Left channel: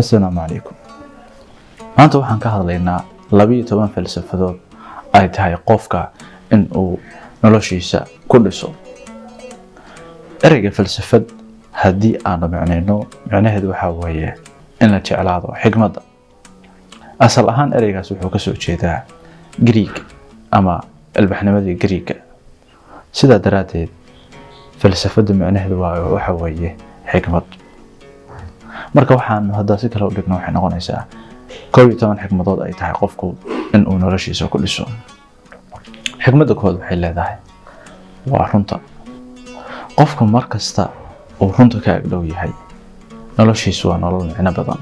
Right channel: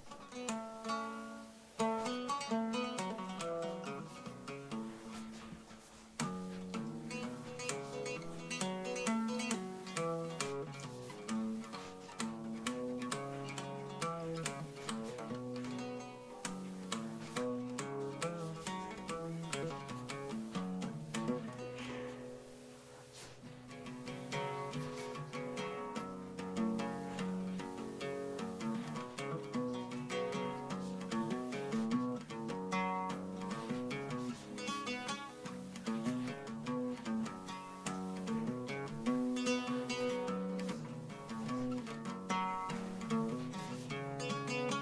Assalaamu calaykum. Maanta waxaan ka hadlaynaa 12 falsafadood ay tahay qofka in uu noloshiisa ku dhiso. Ereyga falsafad haddii aanu macnaheedu waxa weeye in la jeclaado xikmadda. Asal ahaan ereygaas wuxuu ka soo jeedaa Greek ama albaxnimadii Greek. Sidaa daraadeed falsafadda macnaheedu waxa weeye xikmad. marka waxaan hadda si kale u dhigno waxay noqonaysaa 12 xikmadood ay tahay qofku in uu noloshiisa ku dhiso. xikmadda koowaad waxay leedahay waa runta. qofku markasta uu runta ka agdhow yahay noloshiisu waa nolol micno badan.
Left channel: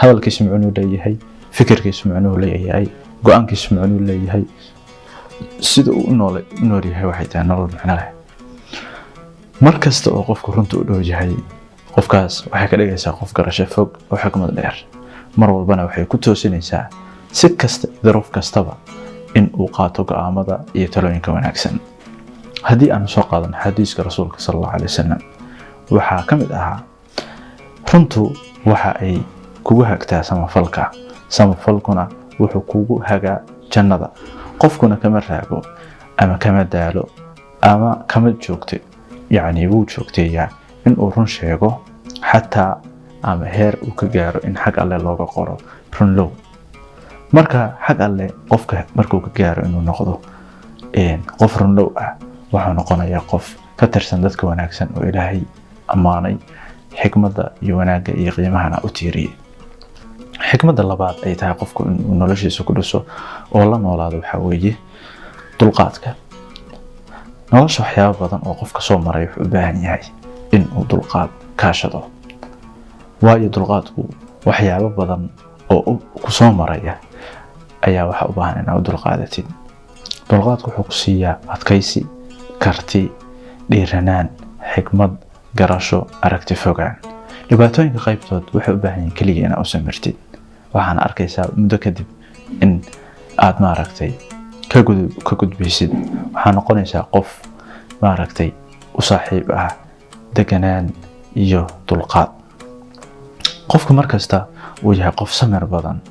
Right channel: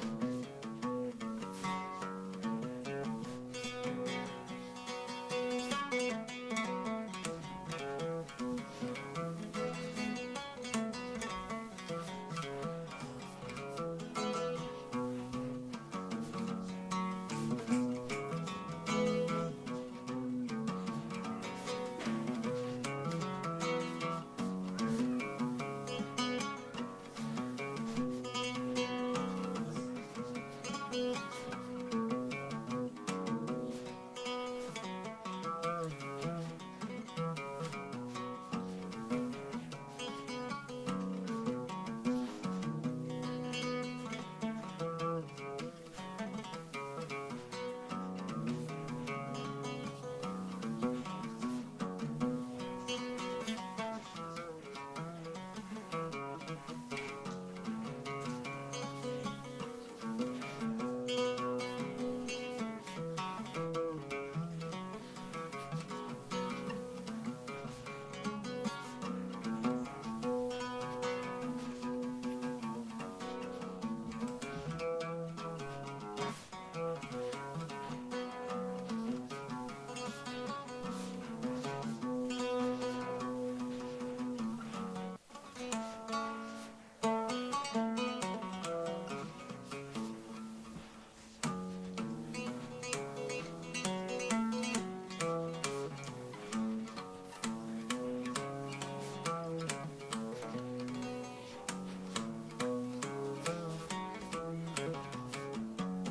hadalkiisu macnuu leeyahay, fikirkiisu macnuu leeyahay, go'aankiisu macnuu leeyahay. sida uu u nool yahay waxay tahay nolol micno leh. markasta oo qofku runta u dhow yahay qofkaas waxay ka dhigaysaa qof garasho fog oo xikmad dheer. mar walbana waxay ku toosinaysaa si kasta duruuf kastaba in uu qaato go'aamada iyo talooyinka wanaagsan. haddii aan soo qaadano xadiiska rasuulka sallallahu alayhi wasallam waxa ka mid ahaa runtu waxa ay kugu hagtaa samafalkuna wuxuu kugu hagaa jannada. qofkuna kama raago ama kama daalo ama kama joogto wuu joogteeyaa in uu run sheego xataa ama heer uu ka gaaro in xag alle looga qoro runlow. marka xag alle qofka markuu ka gaaro inuu noqdo qof runlow ah wuxuu noqonayaa qof ka tirsan dadka wanaagsan oo Ilaahay ammaanay xikmadda iyo wanaagga iyo qiimahana u tiiriyay. xikmadda labaad ay tahay qofku inuu noloshiisa ku dhiso oo la noolaado waxa weeye dulqaadka. nolosha waxyaabo badan oo qofka soo maray wuxuu u baahan yahay in uu dulqaad kaashado. waayo dulqaadku waxyaabo badan oo ku soo maraya ayaa waxa u baahan inaad u dulqaadatid. dulqaadku wuxuu ku siiyaa adkaysi, karti, dhiiranaan, xikmad, garasho, aragti fogaan. dhibaatooyinka qaybtood waxay u baahan yihiin kaliya inaad u samirtid. waxaana arkaysaa muddo kadib in aad ka gudbaysid. waxaa noqonaysaa qof u saaxiib ah deganaan iyo dulqaad. qofku markasta uu yahay qof samir badan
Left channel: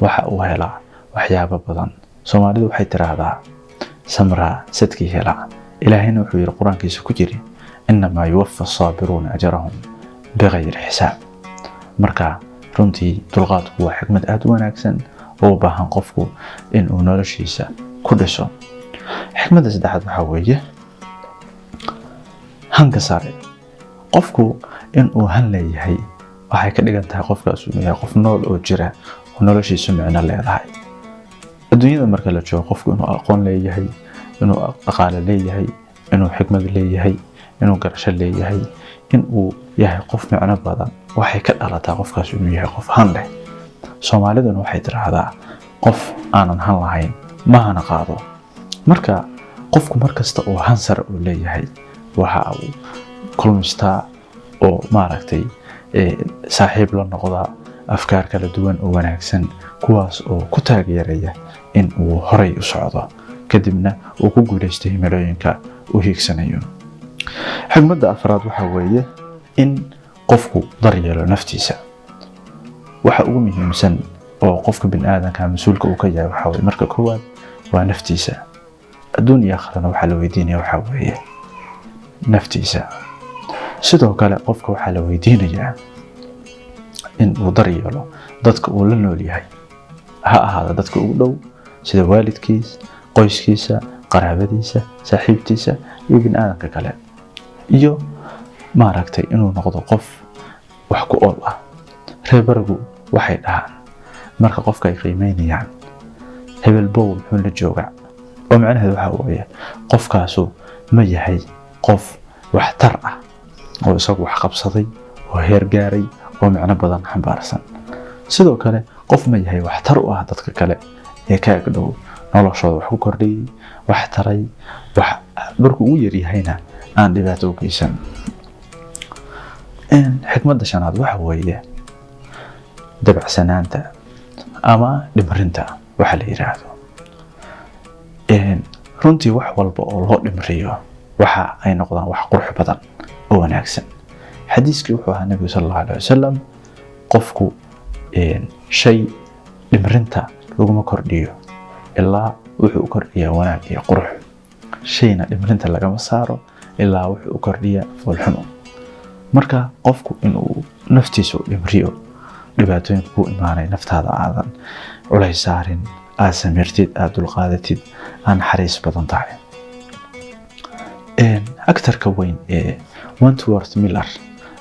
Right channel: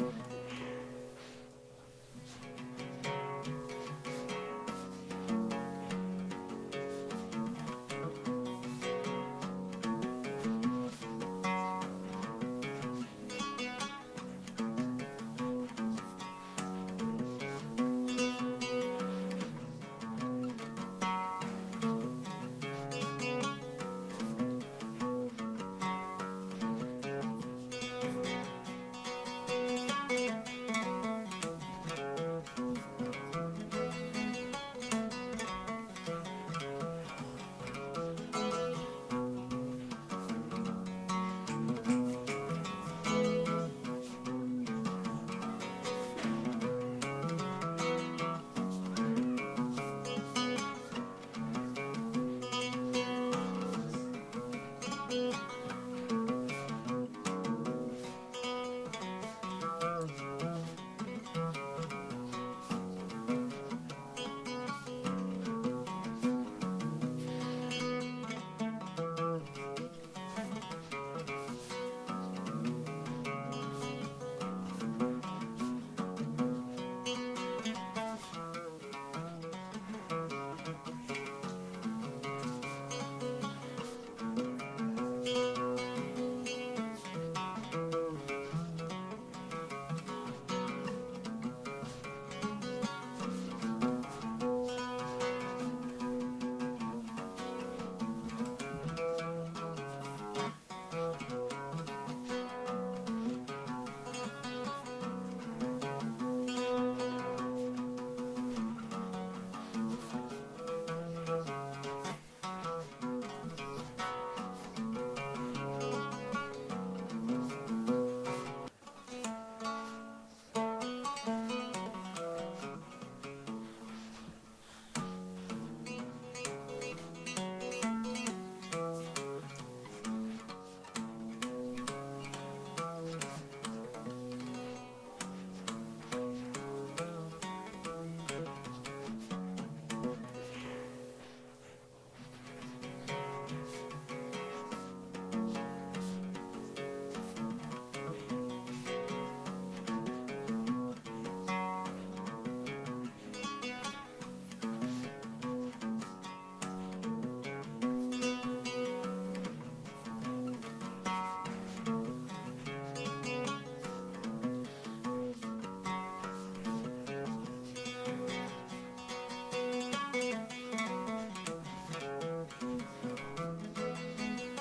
waxa uu helaa waxyaabo badan. Soomaalidu waxay tiraahdaa samraa sadkii helaa. Ilaahayna wuxuu yiri quraankiisa ku jiri innamaa yuwaffa as-saabiruuna ajrahum bighayri xisaab. marka runtii dulqaadku waa xikmad aad u wanaagsan oo u baahan qofku in uu noloshiisa ku dhiso. xikmadda saddexaad waxa weeye hanka sare. qofku in uu han leeyahay waxay ka dhigan tahay qofkaas inuu yahay qof nool oo jira oo noloshiisu micno leedahay. adduunyada marka la joogo qofku inuu aqoon leeyahay, inuu dhaqaale leeyahay, inuu xikmad leeyahay, inuu garasho leeyahay, in uu yahay qof micno badan waxay ka dhalataa qofkaas inuu yahay qof han leh. Soomaaliduna waxay tiraahdaa qof aanan han lahayn ma hana qaado. marka qofku markasta oo han sare uu leeyahay waxa uu kulmistaa oo saaxiib la noqdaa afkaar kala duwan oo wanaagsan kuwaas oo ku taageeraya in uu horay u socdo kadibna uu ku guuleysto himilooyinka uu hiigsanayo. xikmadda afraad waxa weeye in qofku daryeelo naftiisa. waxa ugu muhiimsan oo qofka bini'aadamka mas'uulka uu ka yahay waxa weeye marka koowaad waa naftiisa. adduun iyo aakhirana waxa la weydiinayaa waxa weeye naftiisa. sidoo kale qofka waxa la weydiinayaa in uu daryeelo dadka uu la nool yahay. ha ahaado dadka ugu dhow sida waalidkiisa, qoyskiisa, qaraabadiisa, saaxiibtiisa iyo bini'aadamka kale. iyo inuu noqdo qof wax ku ool ah. reer barigu waxay dhahaan marka qofka ay qiimeynayaan hebel bow muxuu la joogaa oo macnaheedu waxa weeye qofkaasu ma yahay qof waxtar ah oo isagu wax qabsaday oo heer gaaray oo micno badan xambaarsan. sidoo kale qof ma yahay waxtar u ah dadka kale ee ka agdhow noloshooda wax ku kordhiyay, wax taray, wax markuu u yar yahayna aan dhibaato u geysan. xikmadda shanaad waxa weeye dabacsanaanta ama dhimrinta waxa la yiraahdo. runtii wax walba oo loo dhimriyo waxa ay noqdaan wax qurux badan oo wanaagsan. xadiiskii wuxuu ahaa nabiga sallallahu alayhi wasallam qofku shay dhimrinta laguma kordhiyo ilaa wuxuu u kordhiyaa wanaag iyo qurux. Shayna dhimrinta lagama saaro ilaa wuxuu u kordhiyaa foolxumo. marka qofku inuu naftiisa u dhimriyo dhibaatooyinka ku imaanay naftaada aadan culays saarin, aad samirtid, aad dulqaadatid, aan naxariis badan tahay. aktarka weyn ee Wentworth Miller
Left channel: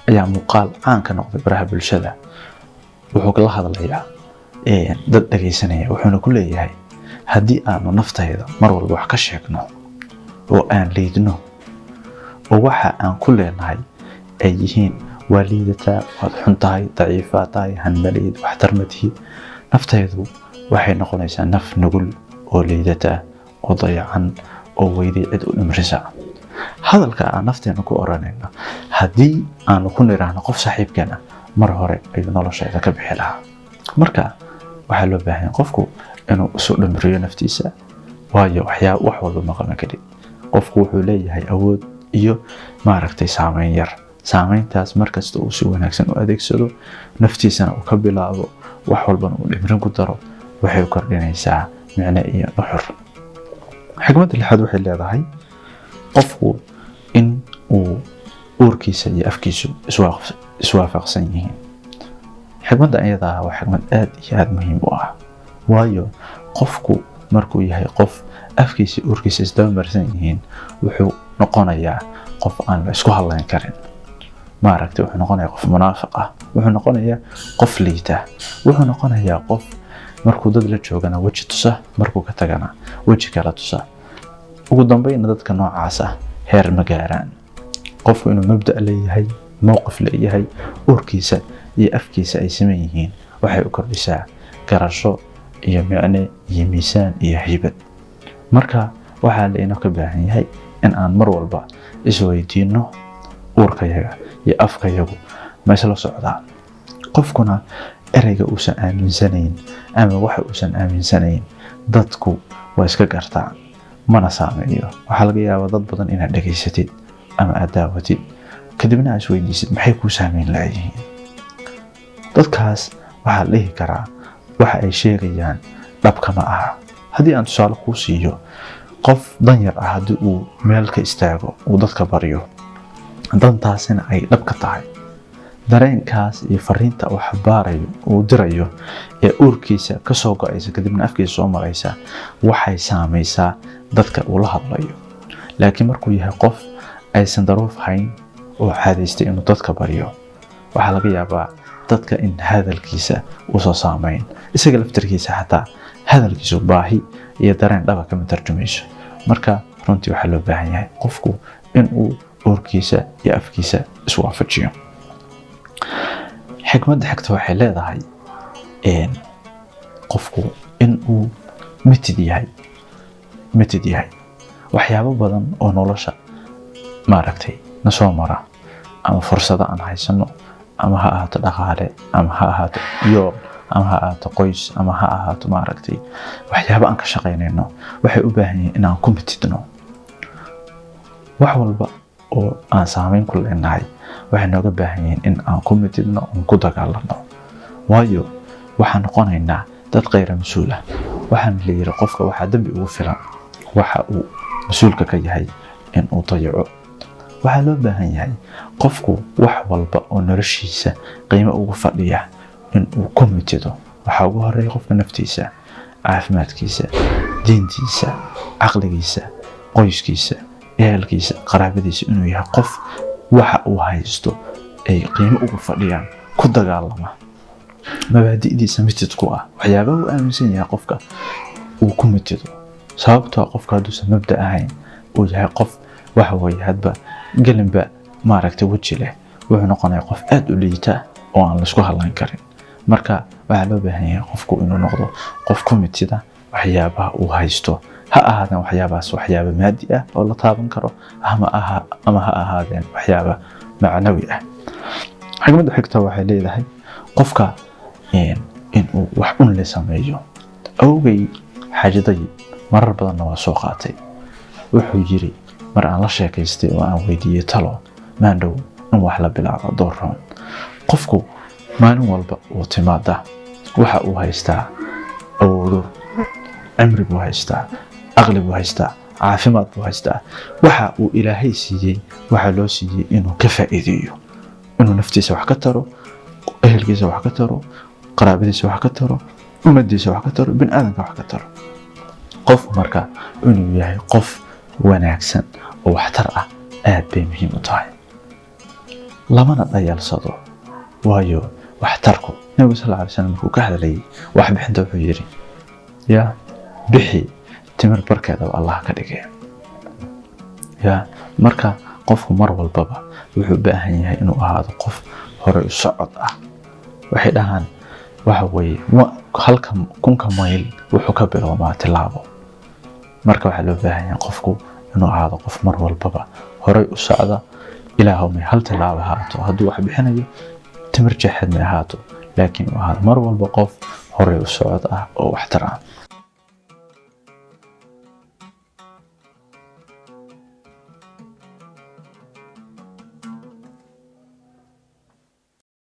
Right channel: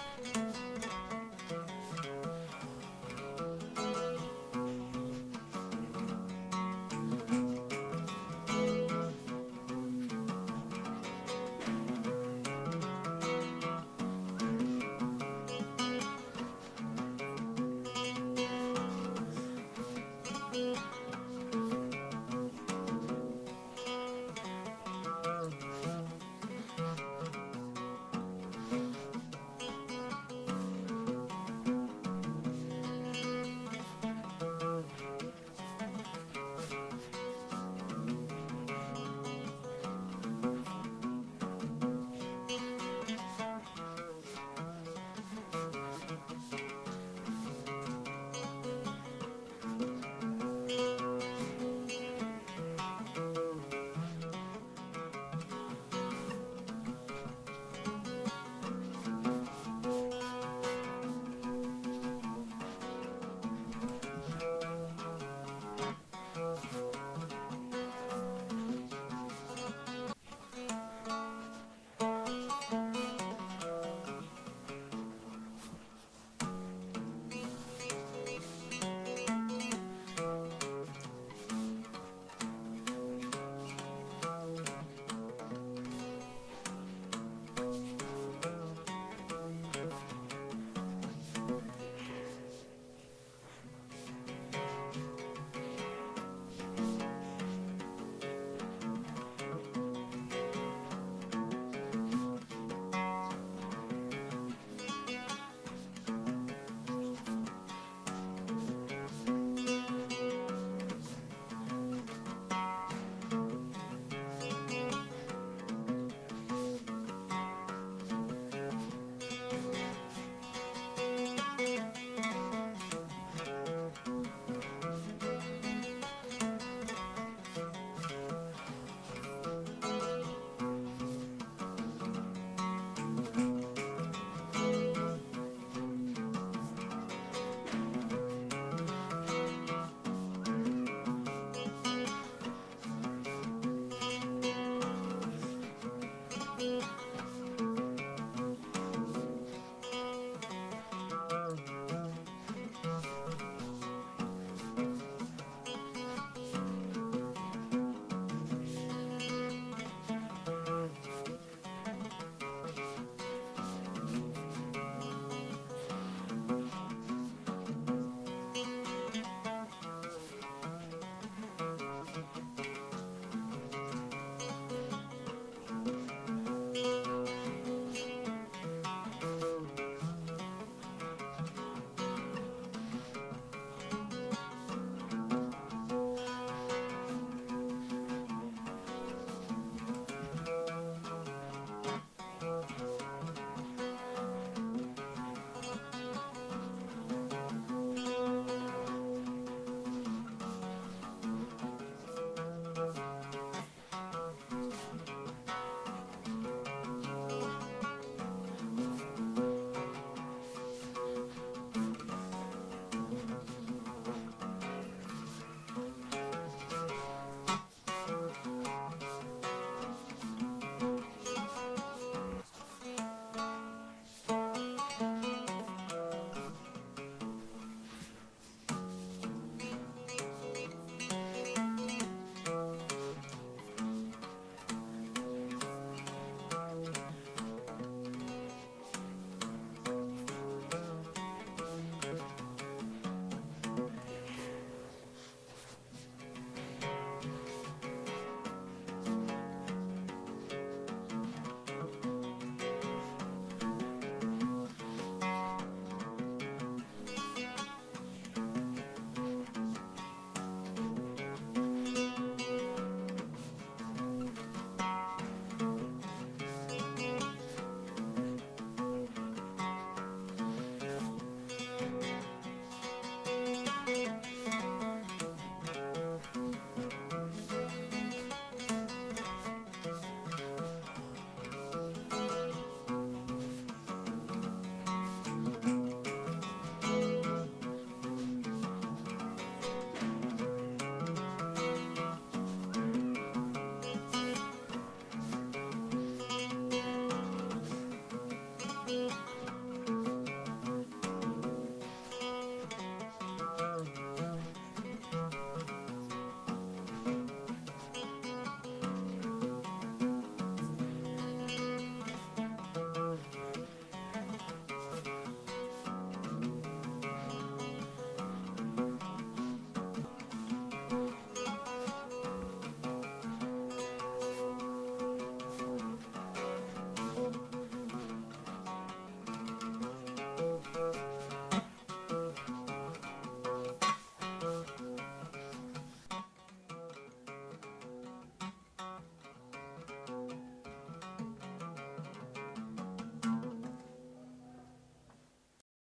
ayaa muuqaal caan ka noqday baraha bulshada. wuxuu la hadlayaa dad dhageysanaya, wuxuuna ku leeyahay haddii aanu naftayda mar walba wax ka sheegno oo aan liidno oo waxa aan ku leenahay ay yihiin waa liidataa, waad xun tahay, daciifaa tahay, hanmaleyd, waxtar ma tihi, naftaydu waxay noqonaysaa naf nugul oo liidataa oo dayacan oo weyday cid u dhimrisa. hadalka aan nafteena ku oranayno haddii aanu ku niraahno qof saaxiibkeena mar hore ayuu nolosheeda ka bixi lahaa. marka waxaa loo baahan yahay qofku inuu isu dhimriyo naftiisa, waayo wax walba ma qaban karin. qofku wuxuu leeyahay awood iyo saameyn yar. saameyntaas markasta uu si wanaagsan u adeegsado, naftiisana uu ka bilaabo, wax walbana uu dhimrin ku daro, waxay kordhinaysaa micne iyo nuxur. xigmadda lixaad waxay leedahay qofku in uu uurkiisa iyo afkiisu iswaafaqsan yihiin. xigmadda iyada waa xigmad aad iyo aad muhiim u ah, waayo qofku markuu yahay qof afkiisa iyo uurkiisa isdaba marsan yihiin wuxuu noqonayaa qof aan la isku hadlayn karin. wuxuu noqonayaa qof munaafiq ah, wuxuu noqonayaa qof liita, wuxuu noqonayaa qof markuu dad la joogana weji tusa, markuu ka tagana weji kala tusa. ugu dambeyn dadka noocaas ah heer ma gaaraan. qofku inuu mabda' leeyahay, mowqif leeyahay, uurkiisa iyo afkiisa ay siman yihiin waxay u kordhisaa garasho iyo micne iyo miisaan iyo haybad. marka waxaa la inoo ka baahan yahay in aan mar walba isweydiino uurkayaga iyo afkayagu ma isla socdaan. qofkuna ereyga uusan aaminsanayn ama waxa uusan aaminsanayn dadku waa iska gartaan, mana saameeyo. waxaa laga yaabaa dad badan inaad dhageysatid ama aad daawatid kadibna aad isweydiisid maxay kuu saameyn lahayihiin. dadkaas waxaa la dhihi karaa waxa ay sheegayaan dhabka ma aha. haddii aan tusaale kuu siiyo, qof danyar ah haddii uu meel ka istaago uu dadka baryo, dantaasina ay dhab ka tahay, dareenkaas iyo fariinta uu xabaarayo uu dirayo ee uurkiisa ka soo go'aysa kadibna afkiisa soo maraysa waxay saamaysaa dadka uu la hadlayo. laakiin markuu yahay qof aysan daruuf hayn oo caadaystay inuu dadka baryo, waxaa laga yaabaa dadka in hadalkiisa uusan saamayn, isaga laftarkiisa xataa hadalkiisu baahi iyo dareen dhaba kama tarjumayso. marka runtii waxaa loo baahan yahay qofku inuu uurkiisa iyo afkiisa iswaafajiyo. xikmadda xigta waxay leedahay qofku inuu mitid yahay. waxyaabo badan oo nolosha na soo mara ama fursado aan haysano, ama ha ahaato dhaqaale, ama ha ahaato yool, ama ha ahaato qoys, ama ha ahaato waxyaabo aan ka shaqaynayno, waxay u baahan yihiin inaan ku mitidno. wax walba oo aan saameyn ku leenahay waxay nooga baahan yihiin in aan ku mitidno, aan ku dagaalano, waayo waxaan noqonaynaa dad khayr mas-uul ah. waxaan la yiri qofka waxaa dambi ugu filan waxa uu mas-uulka ka yahay in uu dayaco. waxaa loo baahan yahay qofku wax walba oo noloshiisa qiimo ugu fadhiya in uu ku mitido. waxaa ugu horeeya qofka naftiisa, caafimaadkiisa, diintiisa, caqligiisa, qoyskiisa, ehelkiisa, qaraabadiisa, inuu yahay qof waxa uu haysto ay qiimo ugu fadhiyaan, ku dagaalama, mabaadi'diisa mitidku ah. waxyaabaha uu aaminsan yahay qofka uu ku mitido, sababtoo qofka hadduusan mabda ahayn uu yahay qof hadba gelinba weji leh, wuxuu noqonayaa qof aad u liita oo aan la isku hadlayn karin. marka waxaa loo baahan yahay qofku inuu noqdo qof ku mitida waxyaabaha uu haysto, ha ahaadeen waxyaabahaas waxyaaba maadi ah oo la taaban karo, ama ha ahaadeen waxyaaba macnawi ah. xigmadda xigta waxay leedahay qofka inuu wax la sameeyo. awgay xaajaday marar badanna waa soo qaatay. wuxuu yiri mar aan la sheekaystay oo aan weydiiyey talo maandhow in wax la bilaabo doorroon. qofku maalin walba uu timaada waxa uu haystaa awoodo, cimri buu haystaa, aqli buu haystaa, caafimaad buu haystaa. waxa uu ilaahay siiyey waxa loo siiyey inuu ka faa'iideeyo, inuu naftiisa wax ka taro, ehelkiisa wax ka taro, qaraabadiisa wax ka taro, ummadiisa wax ka taro, bini'aadamka wax ka taro. qof marka inuu yahay qof wanaagsan oo waxtar ah aad bay muhiim u tahay, lamana dhayalsado. waayo waxtarku nabiga sallallahu alayhi wasallam markuu ka hadlayay wax bixinta wuxuu yiri ya bixi timir barkeeda oo Allah ka dhigay. ya marka qofku mar walbaba wuxuu u baahan yahay inuu ahaado qof hore u socod ah. waxay dhahaan waxa weeye halka kunka mayl wuxuu ka bilaabmaa tilaabo. marka waxaa loo baahan yahay qofku inuu ahaado qof mar walbaba hore u socda. ilaahumay hal tilaabo haato hadduu wax bixinayo timir jeexad ma ahaato, laakiin uu ahaado mar walba qof hore u socod ah oo waxtar ah.